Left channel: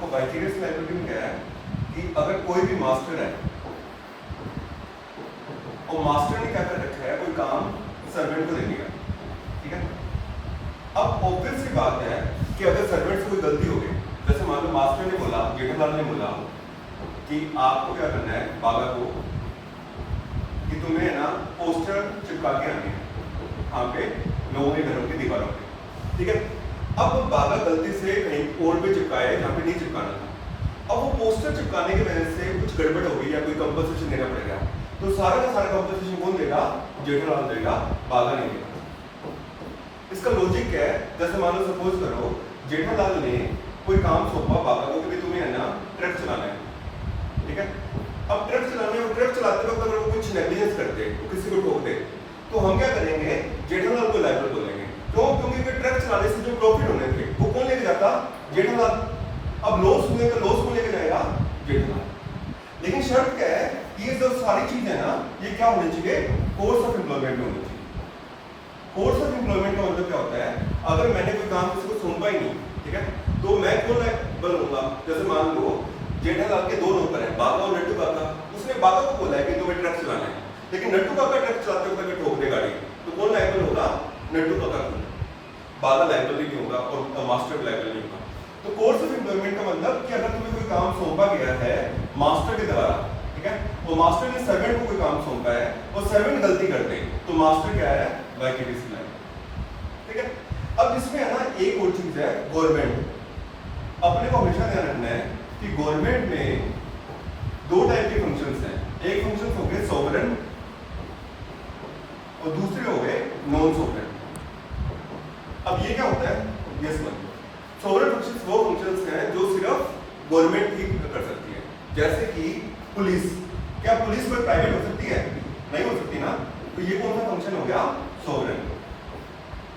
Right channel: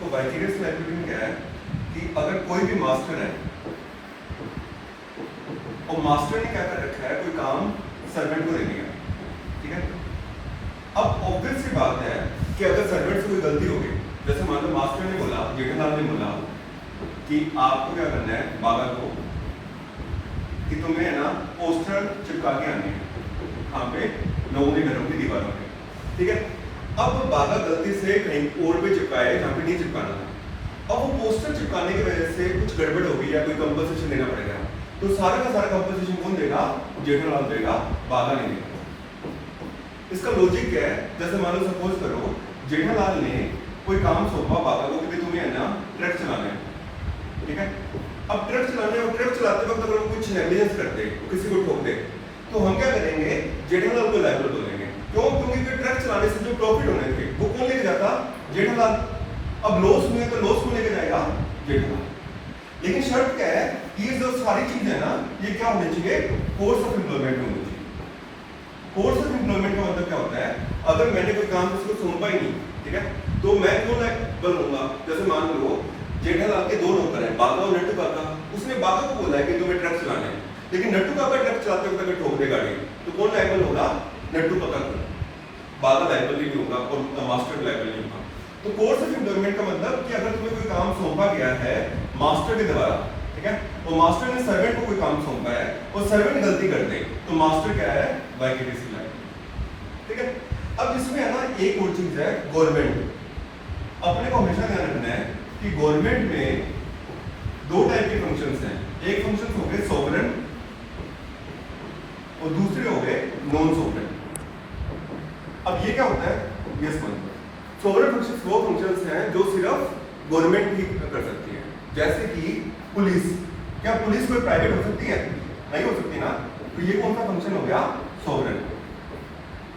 तो vicarious liability में क्या है कि अगर कोई भी मास्टर है और मास्टर ने क्या कर रखा है, कोई काम सर्वेंट को दे दिया, ठीक है। अब ऑब्वियस सी बात है कि अगर सर्वेंट से कोई गलती हो गई, जैसे मान लो मास्टर ने बोला, जेठालाल ने बोला कि आपको क्या करना है, बाबा को कि तुम्हें है ना पोस्टर चिपका के आने हैं यहाँ पे लोगों के घरों की दीवारों पे, ठीक है। अब बाबा गलती से कहीं और पे चिपकाए जहाँ पे नहीं चिपकाना था, अब वो पोस्टर चिपकाने की वजह से कुछ गड़बड़ हो गई या कोई कंपनसेशन देना पड़ेगा, तो सारा का सारा कंपनसेशन कौन देगा, जेठालाल देगा, बाबा नहीं देगा। इसका लॉजिक क्या है, जैसे मान लो सपोज करो जेठालाल ने कोई काम सौंपा बाबा को कि तुम्हें है ना ट्रक चलाना है, ठीक है। अब ट्रक चलाते वक्त अगर वो कुछ नेग्लिजेंस करते, किसी को ठोक दे, तो हम क्या करेंगे, जेठालाल को लायबल बोलेंगे। क्यों? क्योंकि ट्रक चलाने से जो प्रॉफिट होने थे वो कौन लेके जाता, जेठालाल। अब लॉस हुए तो लॉस को लेके जाएगा जेठालाल। लेकिन शर्त क्या है, ये जो सारी चीज है ना, ये क्या होनी चाहिए, कोर्स ऑफ एम्प्लॉयमेंट में होनी चाहिए। कोर्स ऑफ एम्प्लॉयमेंट का मतलब क्या होता है, अगर मैंने कोई काम किसी को सौंपा ही नहीं, ठीक है, तो मैं क्यों लायबल होऊंगा। जैसे मान लो जेठालाल के दो नौकर हैं, बाबा और नट्टू काका। उसने बाबा को बोला है कि तुम्हें ट्रक चलाना है, लेकिन नट्टू काका ट्रक चलाते वक्त अगर ठोक दे गाड़ी, तो कौन लायबल होगा, नट्टू काका को। बाबा लायबल नहीं होगा और मास्टर लायबल नहीं होगा। तो कोर्स ऑफ एम्प्लॉयमेंट का मतलब कि अगर तुम्हें कोई काम सौंपा गया है मास्टर के द्वारा, ठीक है, तो मास्टर ने सर्वेंट को कोई काम सौंपा है और सर्वेंट गलती कर दे, तो मास्टर क्या है, वाइकेरियस लायबिलिटी, ठीक है। अब इसमें है ना एक और चीज है, गवर्नमेंट। अपने को हमेशा ध्यान रखना है कि गवर्नमेंट में दो टाइप के फंक्शंस हैं। एक फंक्शन हो गए सॉवरेन और दूसरे हो गए नॉन सॉवरेन। अब ये क्या होता है, ये समझो। सॉवरेन फंक्शंस वो फंक्शंस हैं जो सिर्फ गवर्नमेंट ही कर सकती है, जैसे कि पुलिस। क्या पुलिस कोई प्राइवेट हो सकती है, नहीं हो सकती ना, तो ये कौन सा फंक्शन हो गया, सॉवरेन,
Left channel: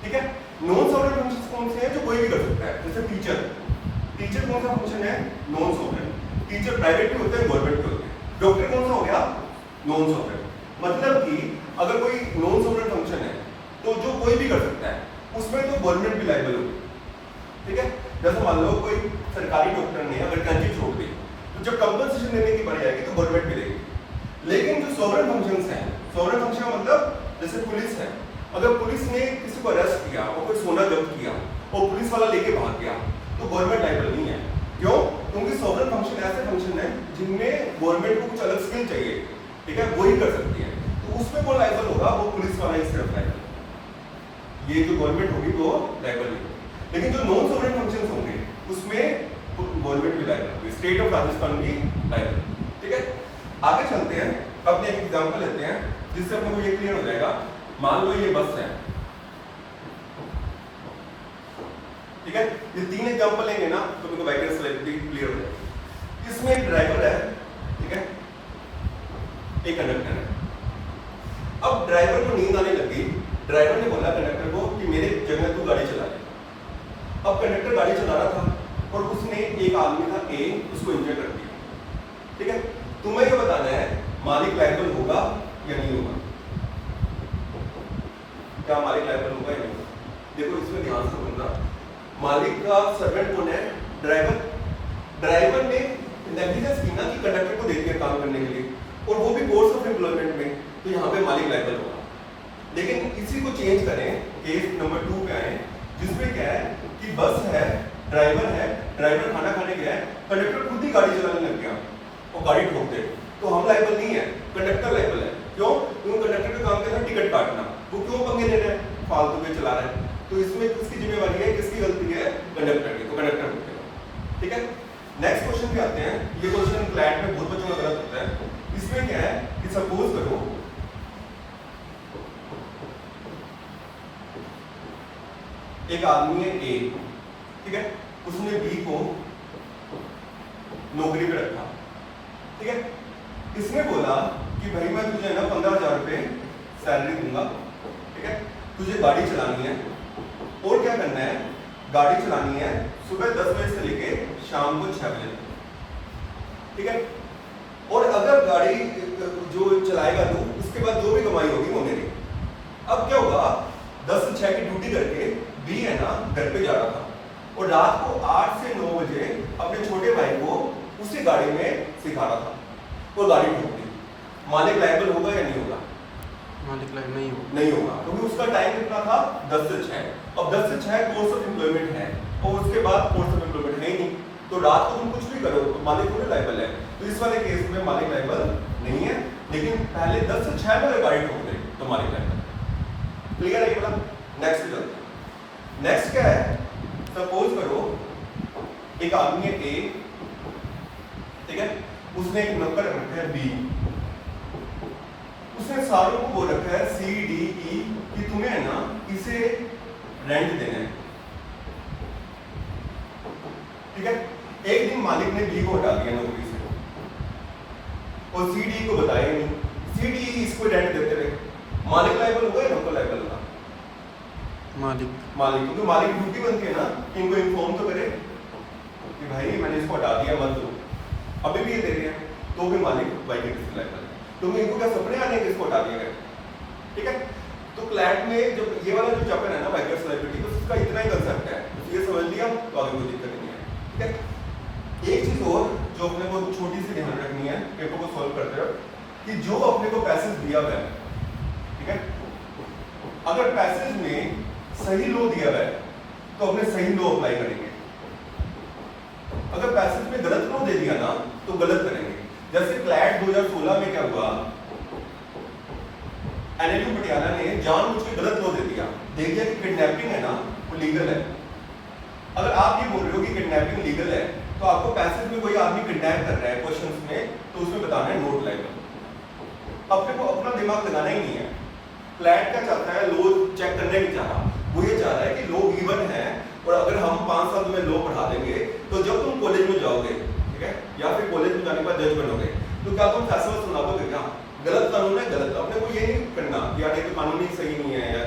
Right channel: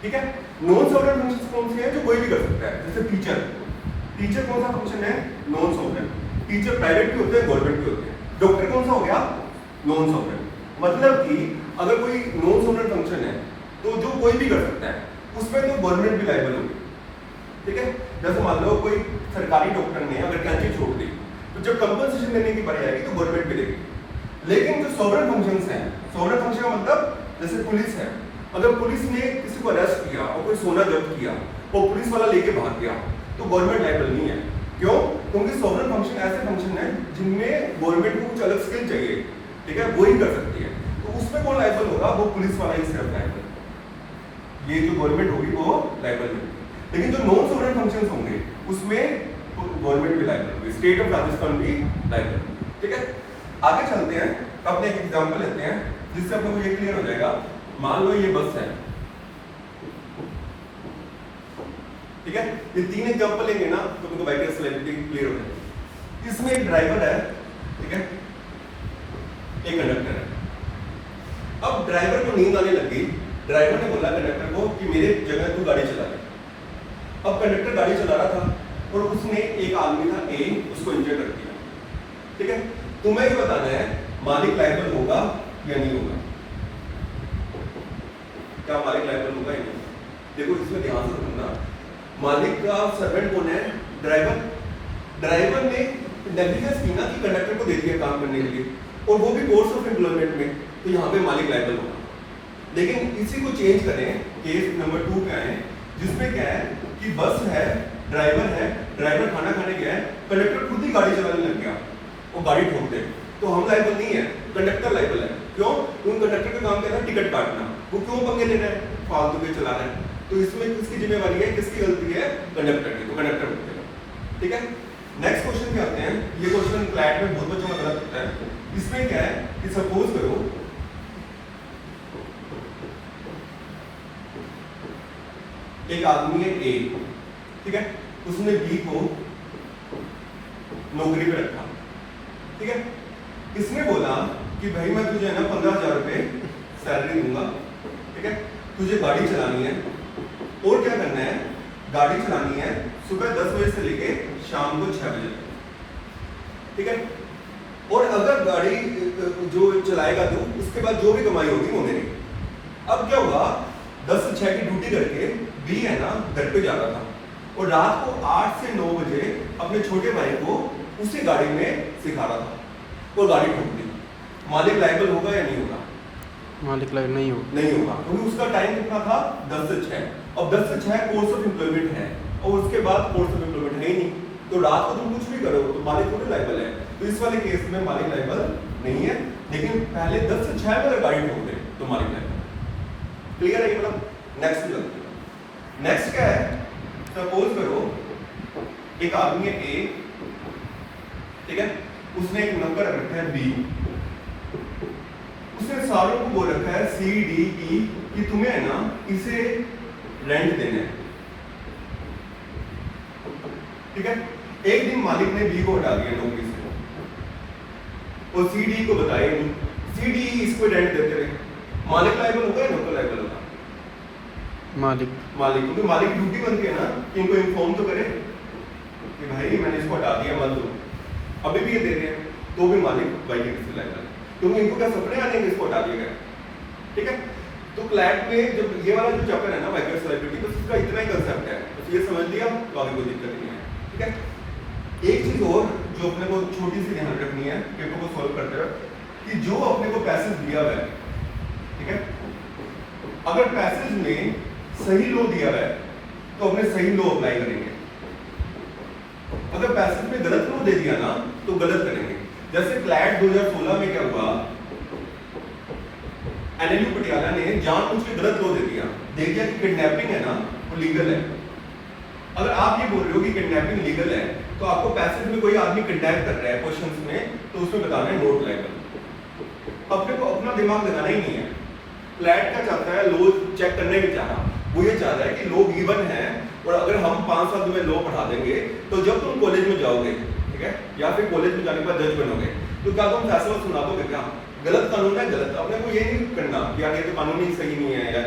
ठीक है। नॉन सॉवरेन फंक्शंस कौन से हैं, जो कोई भी कर सकता है, जैसे टीचर। टीचर कौन सा फंक्शन है, नॉन सॉवरेन। टीचर प्राइवेट भी होते हैं, गवर्नमेंट भी होते हैं। डॉक्टर कौन सा हो गया, नॉन सॉवरेन। मतलब कि अगर कोई नॉन सॉवरेन फंक्शन है तो जो कोई भी कर सकता है, उसमें तो गवर्नमेंट भी लायबल होगी, ठीक है। जैसे मान लो कोई सरकारी डॉक्टर ने अगर टैंकी छोड़ दी, तो जब कंपनसेशन देने की बारी आएगी तो गवर्नमेंट भी देगी। लेकिन जो सॉवरेन फंक्शंस हैं, सॉवरेन फंक्शन का मतलब जैसे पुलिस है, अगर पुलिस ने किसी को अरेस्ट किया और कोई सोना जब्त किया और पुलिस वाला लेके भाग गया, तो गवर्नमेंट लायबल नहीं है। क्यों? क्योंकि सॉवरेन फंक्शन ऐसे फंक्शन है जिनमें गवर्नमेंट को कुछ अलग स्किल चाहिए, ठीक है, वो ही कर सकती है। तो उसमें कौन लायबल होगा, वो पुलिस वाला ही सिर्फ लायबल। ये जो गवर्नमेंट होगी वो लायबल नहीं। लेकिन जो नॉन सॉवरेन फंक्शंस होंगे उसमें गवर्नमेंट भी लायबल होगी, स्टेट ऑफ राजस्थान भी लायबल, ठीक है। आगे चलते हैं, अपने एक एग्जांपल लेते हैं जिससे अपने को ये क्लियर हो जाएगा। मान लो ये बस है, ठीक है, ये तीन एग्जांपल लेंगे ना तो तुमको वाइकेरियस लायबिलिटी क्लियर हो जाएगी। इसमें एक ड्राइवर है, ठीक है, एक कंडक्टर है। अब ड्राइवर को नींद आने लगी, ड्राइवर ने बोला कंडक्टर को कि मेरे जगह तू गाड़ी चला ले। अब कंडक्टर गाड़ी चला रहा था और उसने एक आदमी था ए, उसको इंजर कर दिया, ठीक है। तुम्हें ये बताना है मालिक लायबल होगा या नहीं होगा। क्या मालिक लायबल होगा या नहीं? देखो इसमें ध्यान से सुनना, मालिक का सर्वेंट कौन है, ड्राइवर। ड्राइवर ने नेग्लिजेंस की ना कि कंडक्टर को दे दिया काम करने के लिए, और वो भी कोर्स ऑफ एम्प्लॉयमेंट में, तो यहाँ पे मालिक लायबल होगा। लेकिन इसी को चेंज करें, केस नंबर 2 पे आए, जिसमें क्या है कि बस है, ड्राइवर खाना खाने गया है, कंडक्टर खुद ही गाड़ी चलाने लग गया और गाड़ी ठोक दे, तो हम लायबल नहीं है, कंडक्टर लायबल है। क्यों? क्योंकि कंडक्टर का काम क्या था, टिकट काटना। वो क्यों पंगे ले रहे हैं, फालतू के चला रहे हैं। तो इसमें किसकी जिम्मेवारी है, किसकी गलती है, कंडक्टर की, तो कंडक्टर होते हैं, ठीक है। नेक्स्ट क्वेश्चन पे आते हैं। ये क्वेश्चन क्लैट में बहुत बच्चों का गलत होता है। इसमें क्या है कि सपोज करो एक आदमी है ए, ठीक है, उसने बी को नौकरी पे रखा, ठीक है। इसने बोला कि भाई मैं तुझे ना 15,000 रुपए सैलरी दूंगा, ठीक है, तुझे गाड़ी चलानी है और क्या करना है, गाड़ी चलानी है सुबह 10 बजे से लेके शाम को 6 बजे तक, ठीक है। और अगर गाड़ी जो चलाएगा तो उसके बाद जो भी कमाई होगी वो मेरी। अब क्या हुआ, 10 से 6 की ड्यूटी करके बी है ना घर पे जा रहा था और रात को 8 से 9 बजे अपने अपने छोटे भाई को उसी गाड़ी में सिखा रहा था, वो गाड़ी ठोक दी, मालिक लायबल होगा या नहीं होगा? मालिक लायबल नहीं होगा। नहीं होगा, क्योंकि उसका टाइम कितना था 10 से 6। अब 10 से 6 कोर्स ऑफ एम्प्लॉयमेंट है और उसके बाद कोर्स ऑफ एम्प्लॉयमेंट है ही नहीं, तो रात को तुम कुछ भी करो तो मालिक थोड़े लायबल है। तो इस वाले केस में मालिक लायबल नहीं है, लेकिन पहले 10 से 6 वाले गाड़ी ठोक दे तो मालिक लायबल। क्लियर है? मतलब नेक्स्ट चलते हैं। नेक्स्ट क्या है, सपोज करो एक आदमी है ए, ठीक है, उसने एक नंबर रखा है बी, उसने सारों को बोल रखा है सी डी ई कि तुम्हें है ना इसे रेंट देना है, ठीक है। एक दिन मालिक ने बी को हटा दिया नौकरी से और सी डी को बताया नहीं, सी डी इसको रेंट देते रहे, मालिक लायबल होगा या नौकर लायबल होगा? मालिक। मालिक, क्योंकि मालिक ड्यूटी बनती है ना कि इनको इन्फॉर्म तो करे कि भाई मैंने इसको हटा दिया मत दो, अभी भी ये दे रहे हैं तो भी मालिक वाइकेंसी लायबल, क्योंकि इनको क्या सपने आ जाएंगे इसको हटा दिया गया, ठीक है। तो क्लैट में जब ये वाला जो चैप्टर है ना वाइकेंसी लायबिलिटी, तो उसका इतना ही कंसेप्ट है, बस ये समझ लिया तो आगे कोई दिक्कत नहीं है, ठीक है। एक चीज और जो अपने को छोटी सी ध्यान रखनी है पेपर को सॉल्व करते वक्त, कि जो अपने को पैसेज दिया हुआ है, ठीक है, अगर पैसेज में सही लो दिया हुआ है तो अपने सही लो अप्लाई करेंगे, अगर पैसेज में गलत लो दे दिया ना तो गलत करेंगे। जैसे क्लैट 2016 में क्या हुआ, एनएलयू पटियाला ने जानबूझ के गलत लो दे दिया कि किडनैपिंग है ना वो लीगल है। अगर आप ये बोल रहे हो कि किडनैपिंग लीगल है तो आपको पैसेज में कोई आदमी किडनैप कर रहा है क्वेश्चंस में, तो उसमें बताना है नोट लायबल। अपने को अपना दिमाग लगाना ही नहीं है। क्लैट क्या चाहता है, लो चेक करने नहीं चाहा, वो ये चाह रहा है कि लो गिवन है और अगर हम 5 साल में लो बढ़ा देंगे तो जब तुम कॉलेज में जाओगे, ठीक है, या फिर कॉलेज में जाने के बाद जज बनोगे तो क्या तुम फैसला सुना दोगे क्या? गलत कानून है, गलत। अपने को ये नहीं करना कि यार ये तो कानून ही सही नहीं है या